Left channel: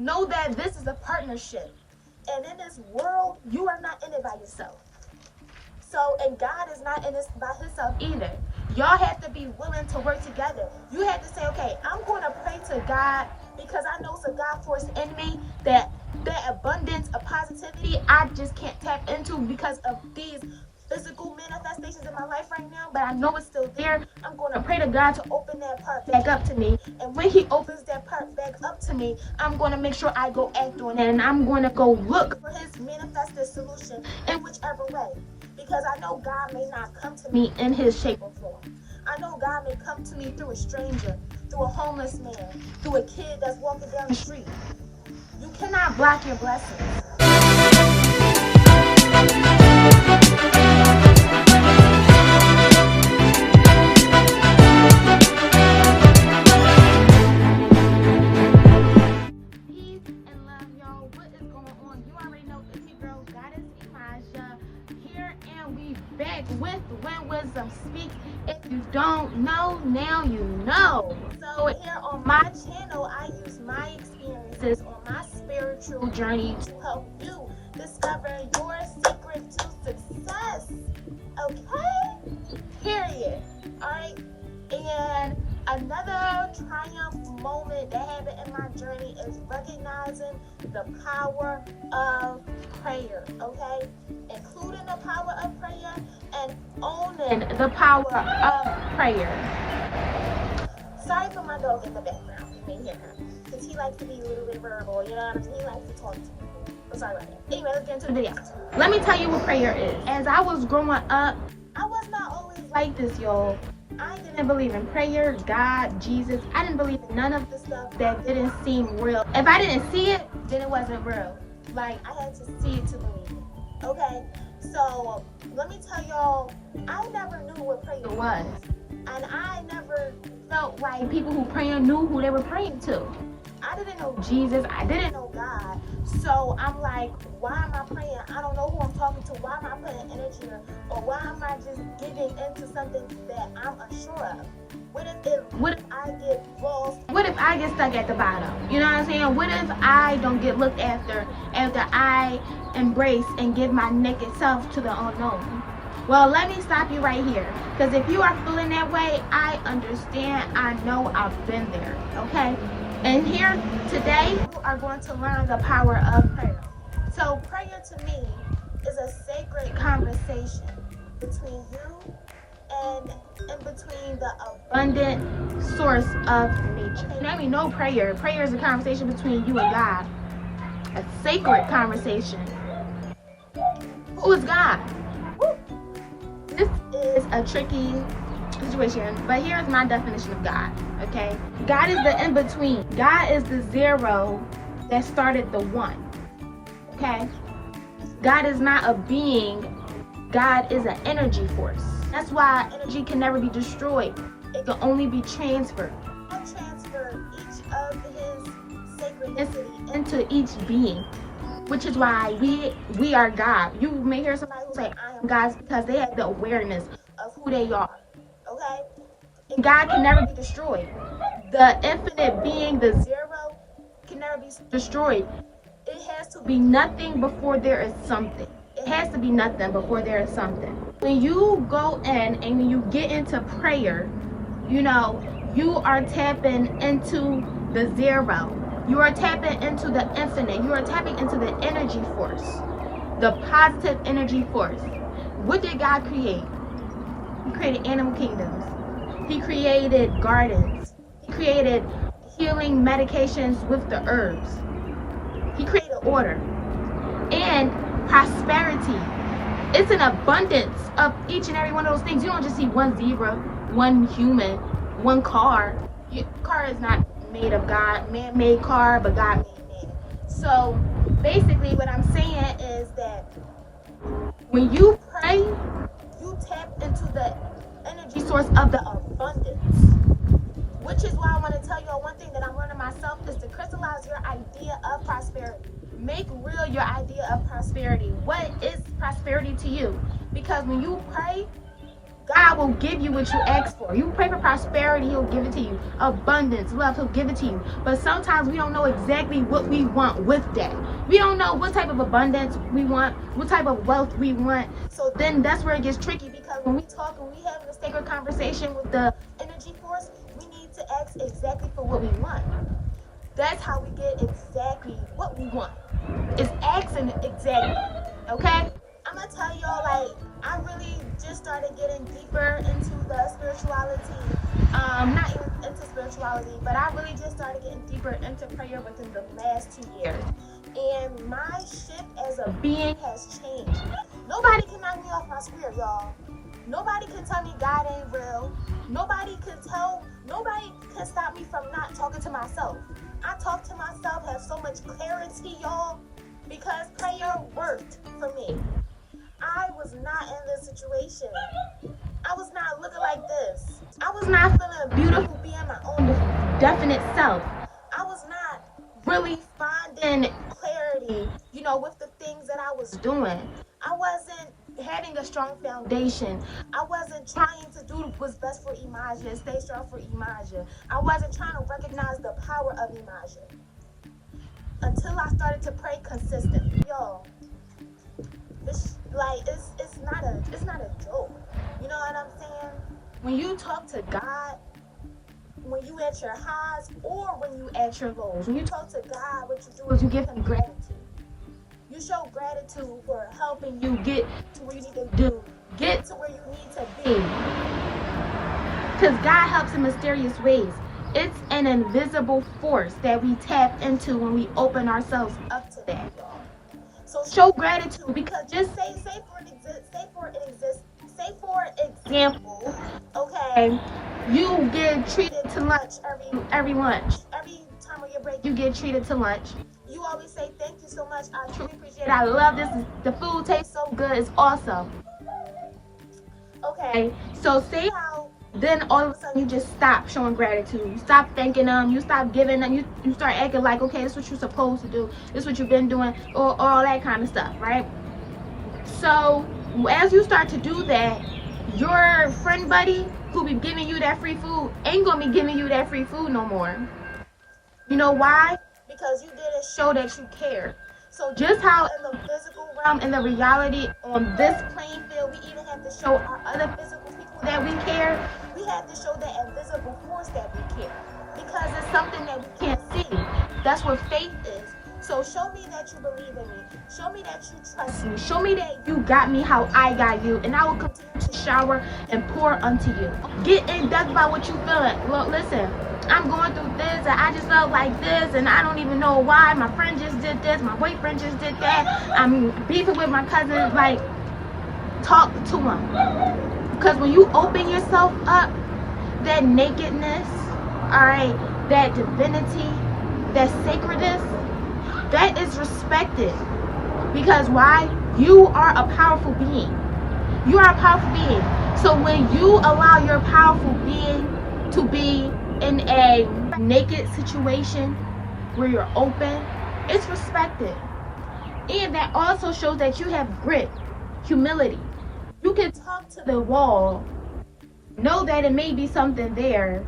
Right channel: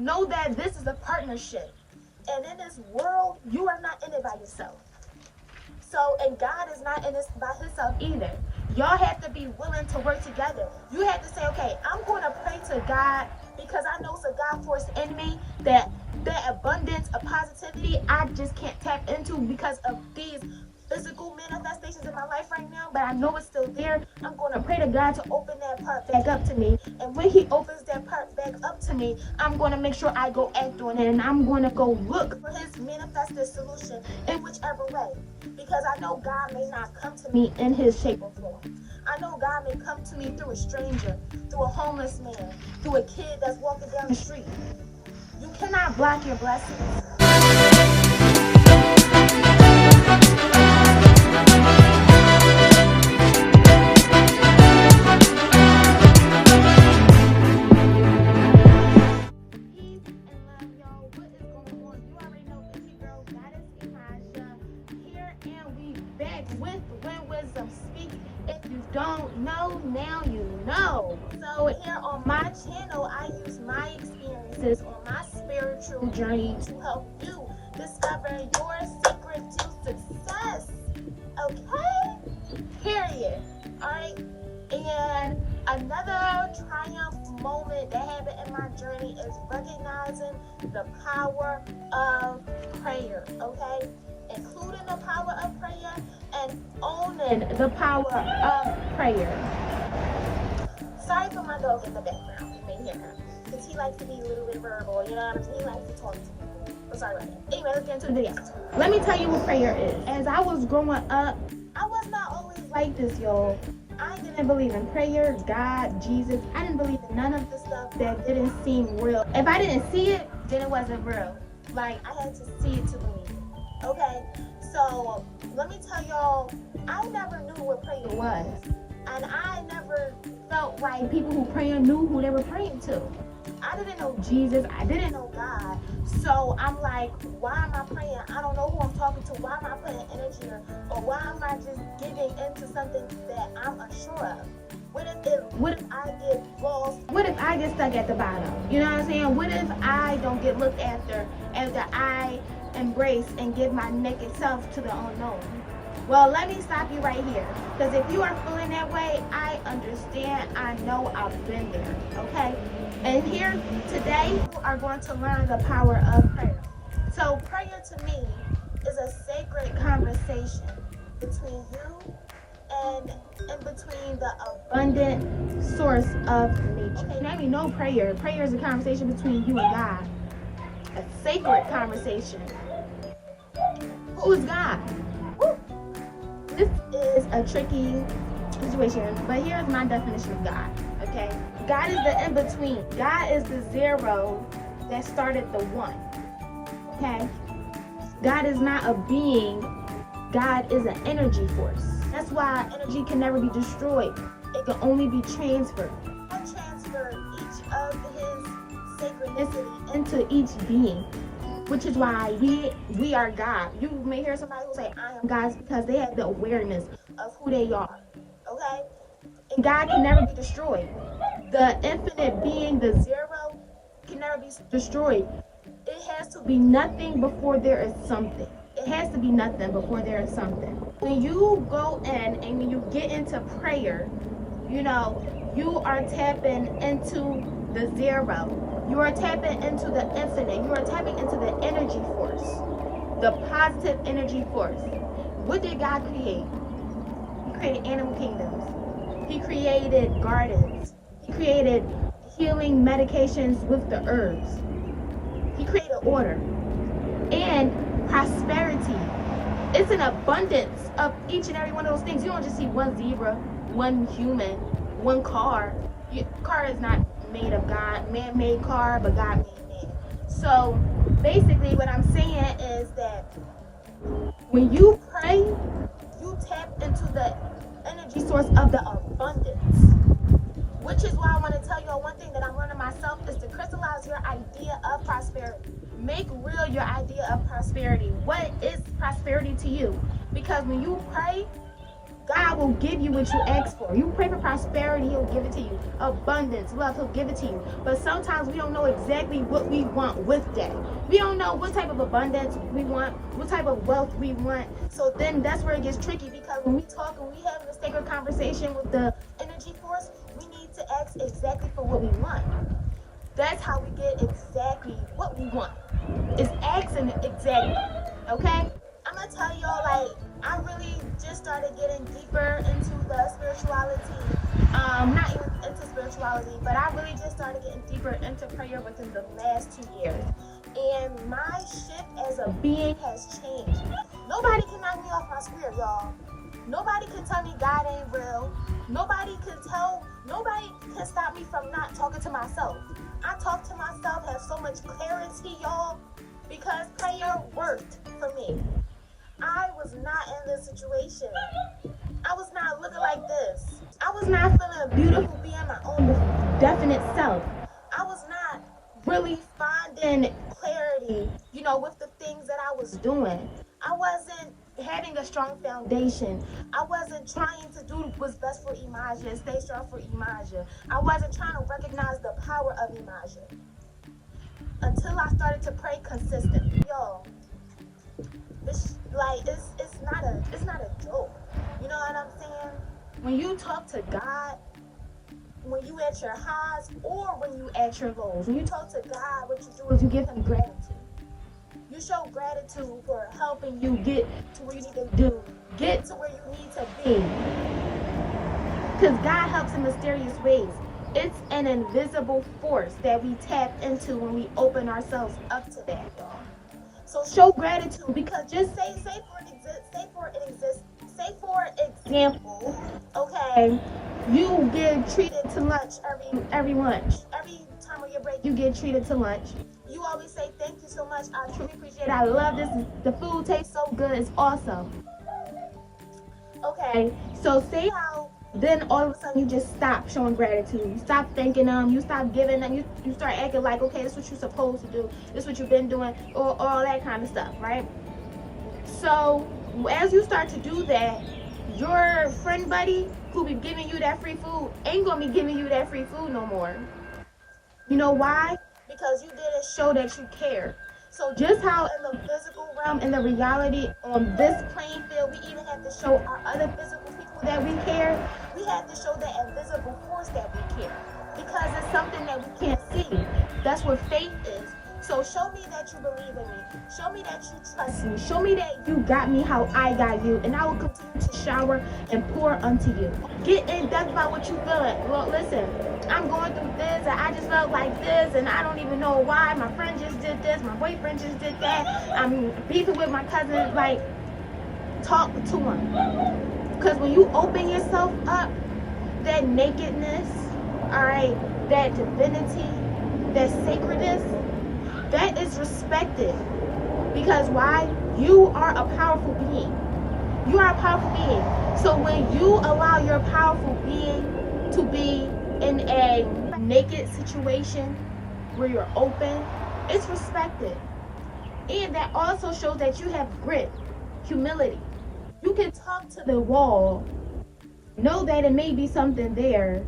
Know that this is a partnership. And in this world, you are not in it by yourself. So, and God is not in this by himself either. Y'all have to be willing to work together. You have to say, okay, I'm going to pray to God because I know it's a God force in me that abundance of positivity I just can't tap into because of these physical manifestations in my life right now, but I know it's still there. I'm going to pray to God to open that part back up to me. And when he opens that part back up to me, I'm going to make sure I go act on it. And I'm going to go look for his manifested solution in whichever way. Because I know God may not come to me in his shape or form. I know God may come to me through a stranger, through a homeless man, through a kid that's walking down the street. You cannot block your blessings. With When Wisdom Speak. If you don't know, now you know. So here on my channel, I use my experiences on my spiritual journey to help you discover your secret to success. Okay? Period. Alright? And another triumph moment that happened in my journey is recognizing the power of prayer. Okay? Including the power of prayer and owning the power of prayer. Sorry for my dog in the background. You may hear him. Because he likes to be a little bit verbal, you know what I'm saying? He likes to talk to people. So sorry about that. Anyway, let's get into the video. Let me tell you what prayer is. As I was growing up, I was not always like this, y'all. I didn't believe in prayer, God, Jesus. I didn't believe in none of the stuff that didn't seem real. If I didn't see it, then it wasn't real. Like, I had to see it to believe it. Okay, so let me tell y'all, I never knew what prayer was. And I never felt like people who praying knew who they were praying to. I didn't know Jesus. I didn't know God. So I'm like, why am I praying? I don't know who I'm talking to. Why am I putting energy or why am I just giving into something that I'm unsure of? What if I get lost? What if I get stuck at the bottom? You know what I'm saying? What if I don't get looked after I embrace and give my naked self to the unknown? Well, let me stop you right here. Because if you are feeling that way, I understand. I know I've been there. Okay? And here today, we are going to learn the power of prayer. So prayer to me is a sacred conversation between you and in between the abundant source of nature. And let me know prayer. Prayer is a conversation between you and God. A sacred conversation. Who is God? Woo. This is a tricky situation, but here's my definition of God, okay? God is the in-between. God is the zero that started the one, okay? God is not a being. God is an energy force. That's why energy can never be destroyed. It can only be transferred. God transferred each of his synchronicity into each being, which is why we are God. You may hear somebody who say, I am God, because they have the awareness of who they are, okay? And God can never be destroyed. The infinite being, the zero, can never be destroyed. It has to be nothing before there is something. It has to be nothing before there is something. When you go in and when you get into prayer, you know, you are tapping into the zero. You are tapping into the infinite. You are tapping into the energy force, the positive energy force. What did God create? He created animal kingdoms. He created gardens. He created healing medications with the herbs. He created order and prosperity. It's an abundance of each and every one of those things. You don't just see one zebra, one human, one car. Your car is not made of God, man-made car, but God made man. So basically what I'm saying is that when you pray, you tap into the energy source of the abundance. Which is why I want to tell you one thing that I'm learning myself is to crystallize your idea of prosperity. Make real your idea of prosperity. What is prosperity to you? Because when you pray, God will give you what you ask for. You pray for prosperity, he'll give it to you. Abundance, love, he'll give it to you. But sometimes we don't know exactly what we want with that. We don't know what type of abundance we want, what type of wealth we want. So then that's where it gets tricky, because when we talk and we have a sacred conversation with the energy force, we need to ask exactly for what we want. That's how we get exactly what we want. It's asking exactly, okay? I'm gonna tell y'all, like, I really just started getting deeper into the spirituality. Not even into spirituality, but I really just started getting deeper into prayer within the last 2 years. And my shift as a being has changed. Nobody can knock me off my spirit, y'all. Nobody can tell me God ain't real. Nobody can stop me from not talking to myself. I talk to myself, have so much clarity, y'all, because prayer worked for me. I was not in this situation. I was not looking like this. I was not feeling beautiful being my own definite self. I was not really finding clarity, with the things that I was doing. I wasn't having a strong foundation. I wasn't trying to do what's best for Emajah and stay strong for Emajah. I wasn't trying to recognize the power of Emajah until I started to pray consistently. Yo, it's not a joke. You know what I'm saying? When you talk to God, when you at your highs or when you at your lows, when you talk to God, what you do is you give him gratitude. You show gratitude for helping you get to where you need to get to where you need to be. Because God helps in mysterious ways. It's an invisible force that we tap into when we open ourselves up to that, y'all. So show gratitude, because just say for example, okay, you get treated to lunch every lunch. Every time on your break, you get treated to lunch. You always say, thank you so much. I truly appreciate it. I love this. The food tastes so good. It's awesome. Okay, so say how then all of a sudden you just stop showing gratitude. You stop thanking them. You stop giving them. You start acting like, okay, this is what you're supposed to do. This is what you've been doing, or all that kind of stuff, right? So as you start to do that, your friend buddy who be giving you that free food ain't gonna be giving you that free food no more. You know why? Because you didn't show that you care. So just how in the physical realm, in the reality on this playing field, we even have to show our other physical people that we care. We have to show that invisible force that we care, because it's something that we can't see. That's what faith is. So show me that you believe in me. Show me that you trust me. Show me that you got me how I got you, and I will continue to shower and pour unto you. Get in depth about what you feeling. Look, listen, I'm going through this, and I just felt like this, and I don't even know why. My friend just did this. My boyfriend just did that. I'm beefing with my cousin. Like, talk to him. Because when you open yourself up, that nakedness, all right, that divinity, that sacredness, that is respected. Because why? You are a powerful being. You are a powerful being. So when you allow your powerful being to be in a naked situation where you're open, it's respected. And that also shows that you have grit, humility. You can talk to the wall, know that it may be something there,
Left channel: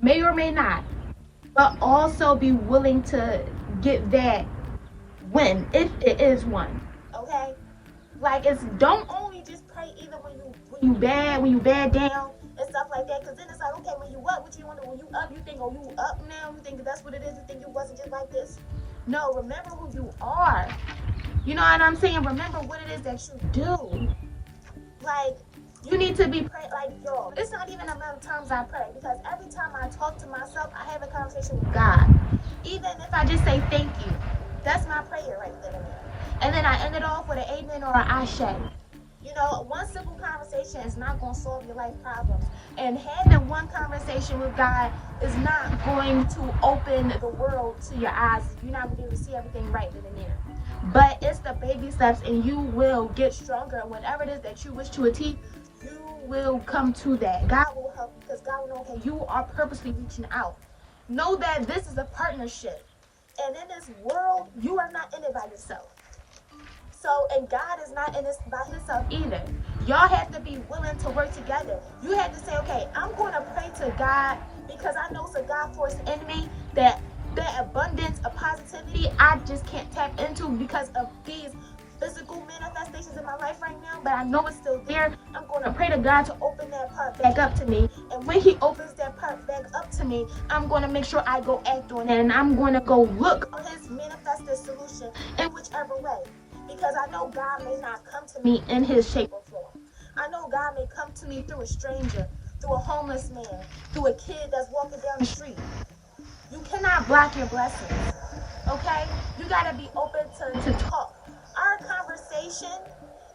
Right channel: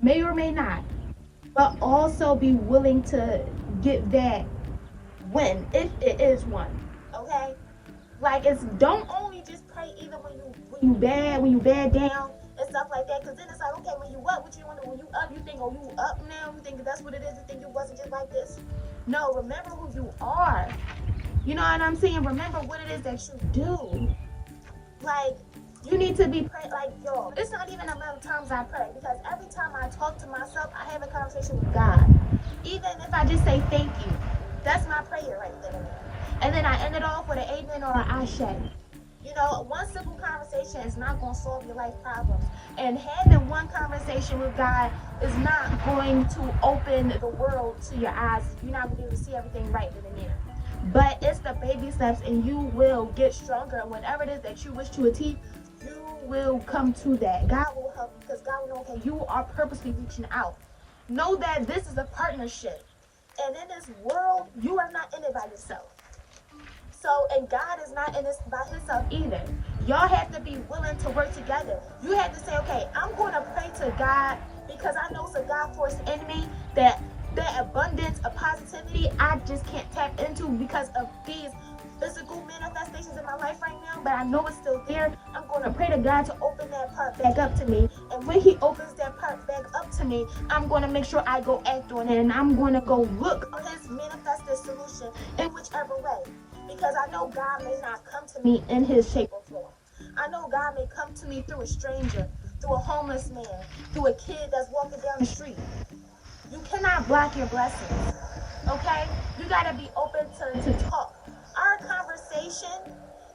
may or may not, but also be willing to get that win, if it is one. Okay? Like, it's don't only just pray either when you bad down and stuff like that, because then it's like, okay, when you up, what you want to, when you up, you think, oh, you up now, you think that's what it is, you think you wasn't just like this. No, remember who you are. You know what I'm saying? Remember what it is that you do. Like, you need to be praying, like, yo, it's not even amount of times I pray, because every time I talk to myself, I have a conversation with God. Even if I just say thank you, that's my prayer right there. And then I end it off with an amen or an ashe. You know, one simple conversation is not going to solve your life problems. And having one conversation with God is not going to open the world to your eyes. You're not going to be able to see everything right then and there. But it's the baby steps, and you will get stronger. And whatever it is that you wish to achieve, you will come to that. God will help you, because God will know, okay, you are purposely reaching out. Know that this is a partnership. And in this world, you are not in it by yourself. So, and God is not in this by himself either. Y'all have to be willing to work together. You have to say, okay, I'm going to pray to God because I know it's a God force in me that abundance of positivity I just can't tap into because of these physical manifestations in my life right now, but I know it's still there. I'm going to pray to God to open that part back up to me. And when he opens that part back up to me, I'm going to make sure I go act on it. And I'm going to go look for his manifested solution in whichever way. Because I know God may not come to me in his shape or form. I know God may come to me through a stranger, through a homeless man, through a kid that's walking down the street. You cannot block your blessings, okay? You got to be open to talk. Our conversation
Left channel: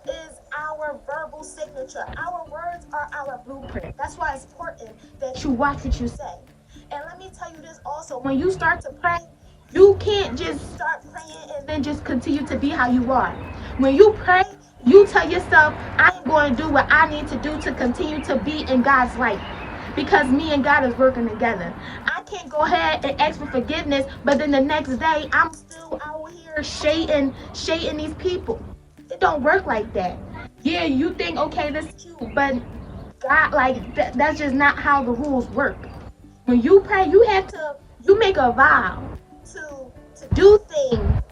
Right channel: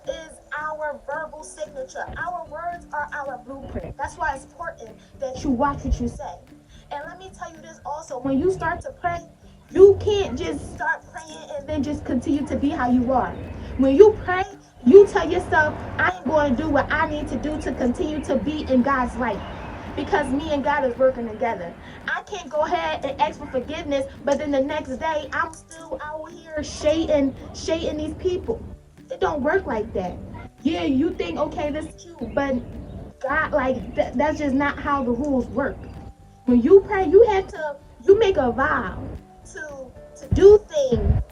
is our verbal signature. Our words are our blueprint. That's why it's important that you watch what you say. And let me tell you this also, when you start to pray, you can't just start praying and then just continue to be how you are. When you pray, you tell yourself, I'm going to do what I need to do to continue to be in God's light. Because me and God is working together. I can't go ahead and ask for forgiveness, but then the next day, I'm still out here shading these people. It don't work like that. Yeah, you think, okay, this is cute, but God, like, that's just not how the rules work. When you pray, you make a vow to do things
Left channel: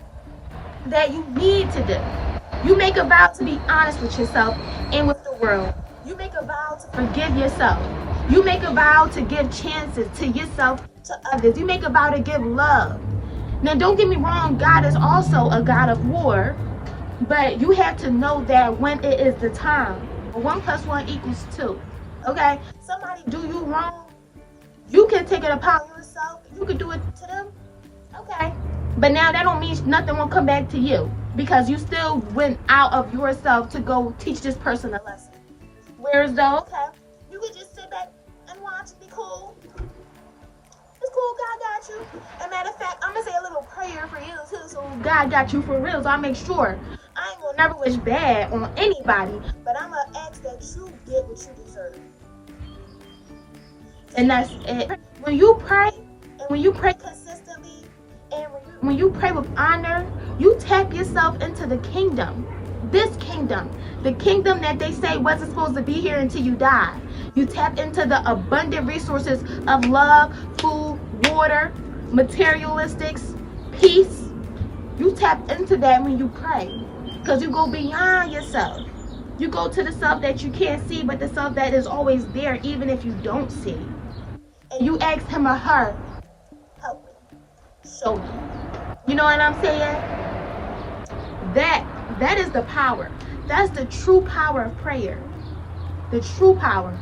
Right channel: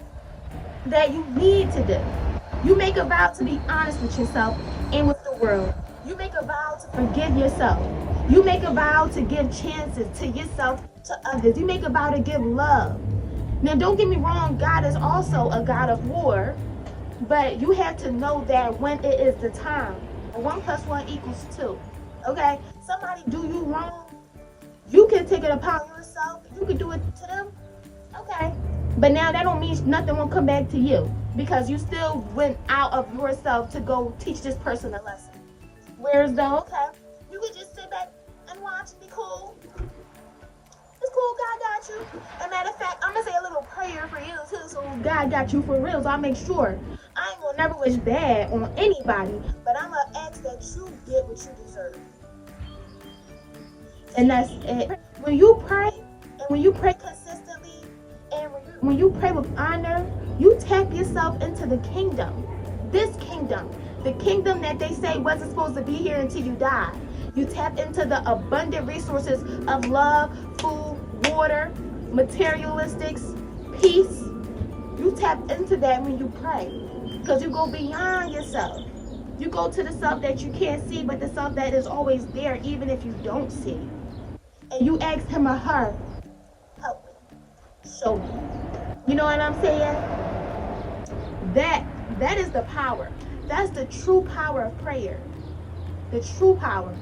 that you need to do. You make a vow to be honest with yourself and with the world. You make a vow to forgive yourself. You make a vow to give chances to yourself, to others. You make a vow to give love. Now, don't get me wrong, God is also a God of war, but you have to know that when it is the time, 1 + 1 = 2. Okay? Somebody do you wrong, you can take it upon yourself. You can do it to them. Okay. But now that don't mean nothing will come back to you because you still went out of yourself to go teach this person a lesson. Whereas though, okay, you could just sit back and watch and be cool. It's cool, God got you. And matter of fact, I'm going to say a little prayer for you too, so God got you for real. So I make sure I ain't going to never wish bad on anybody, but I'm going to ask that you get what you deserve. And that's it. When you pray, and when you pray consistently, and when you pray with honor, you tap yourself into the kingdom. This kingdom. The kingdom that they say wasn't supposed to be here until you die. You tap into the abundant resources of love, food, water, materialistics, peace. You tap into that when you pray. Because you go beyond yourself. You go to the self that you can't see, but the self that is always there, even if you don't see. And you ask him or her, help me, show me. You know what I'm saying? That is the power. That's the true power of prayer. The true power.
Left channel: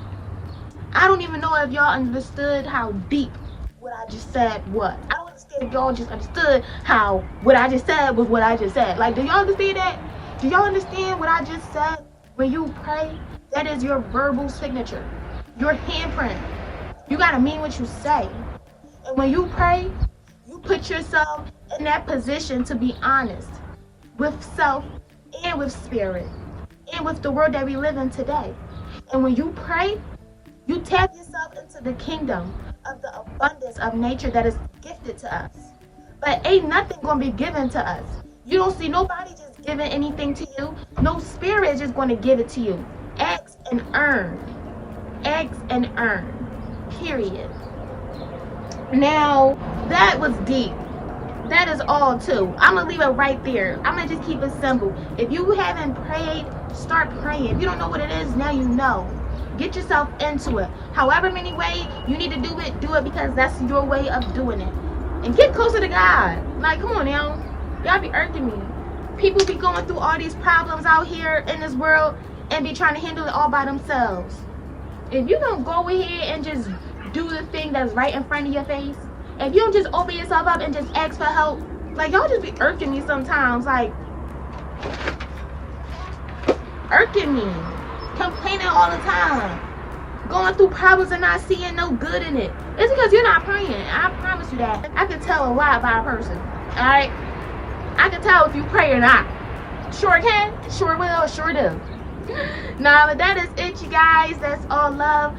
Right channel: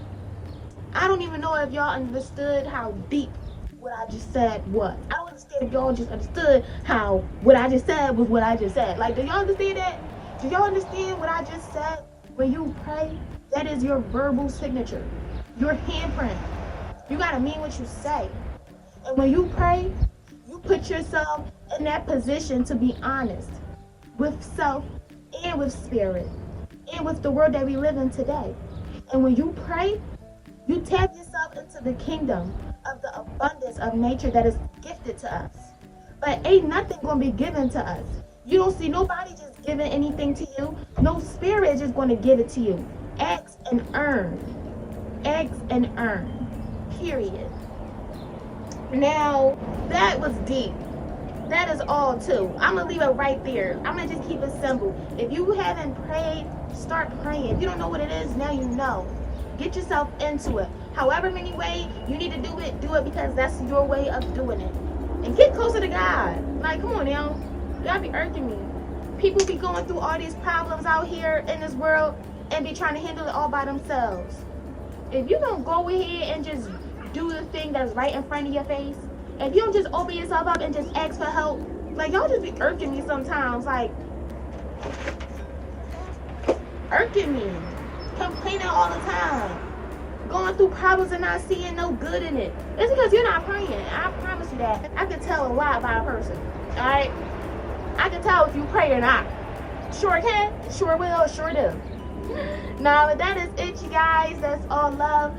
I don't even know if y'all understood how deep what I just said was. I don't understand if y'all just understood how what I just said was what I just said. Like, do y'all understand that? Do y'all understand what I just said? When you pray, that is your verbal signature. Your handprint. You gotta mean what you say. And when you pray, you put yourself in that position to be honest with self and with spirit and with the world that we live in today. And when you pray, you tap yourself into the kingdom of the abundance of nature that is gifted to us. But ain't nothing gonna be given to us. You don't see nobody just giving anything to you. No spirit is just gonna give it to you. Ask and earn. Ask and earn. Period. Now, that was deep. That is all too. I'm gonna leave it right there. I'm gonna just keep it simple. If you haven't prayed, start praying. If you don't know what it is, now you know. Get yourself into it. However many ways you need to do it because that's your way of doing it. And get closer to God. Like, come on now. Y'all be irking me. People be going through all these problems out here in this world and be trying to handle it all by themselves. If you don't go ahead and just do the thing that's right in front of your face, if you don't just open yourself up and just ask for help, like, y'all just be irking me sometimes, like, irking me, complaining all the time, going through problems and not seeing no good in it. It's because you're not praying. I promise you that. I can tell a lot about a person, all right? I can tell if you pray or not. Sure can, sure will, sure do. Nah, but that is it, you guys. That's all love.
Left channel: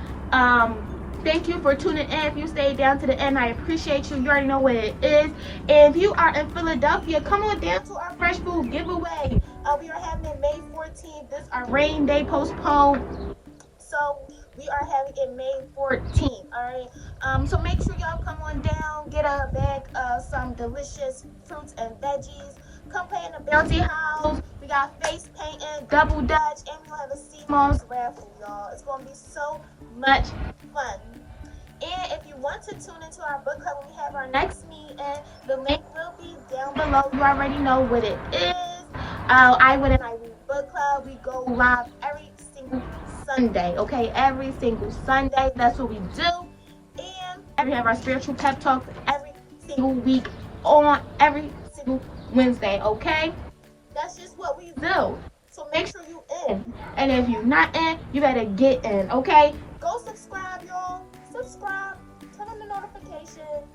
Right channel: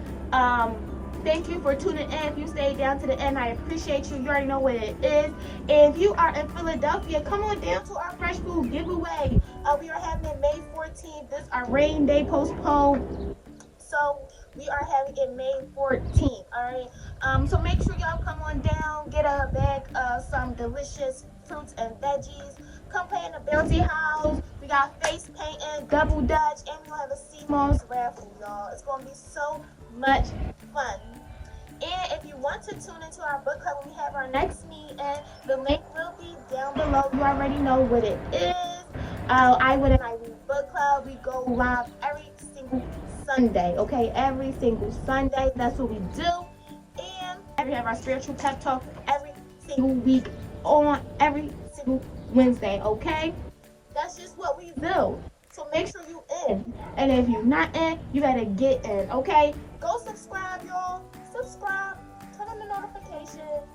thank you for tuning in. If you stayed down to the end, I appreciate you. You already know what it is. If you are in Philadelphia, come on down to our Fresh Food giveaway. We are having it May 14th. This is our rain day postponed. So we are having it May 14th. Alright. So make sure y'all come on down, get a bag of some delicious fruits and veggies. Come play in the bounty house. We got face painting, double dutch, and we'll have a sea moss raffle, y'all. It's gonna be so much fun. And if you want to tune into our book club when we have our next meeting, the link will be down below. You already know what it is. I Would and I Read Book Club. We go live every single Sunday, okay? Every single Sunday. That's what we do. And we have our spiritual pep talks every single week on every single Wednesday, okay? That's just what we do. So make sure you in. And if you're not in, you better get in, okay? Go subscribe, y'all. Subscribe. Turn on the notifications.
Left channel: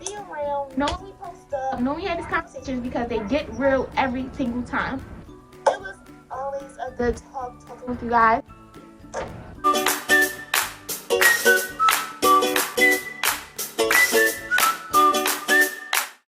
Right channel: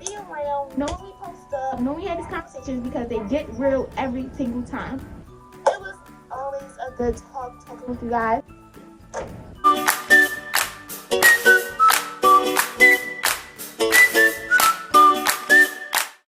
Be around. Know when we post up. Know when we have these conversations because they get real every single time. It was always a good talking with you guys.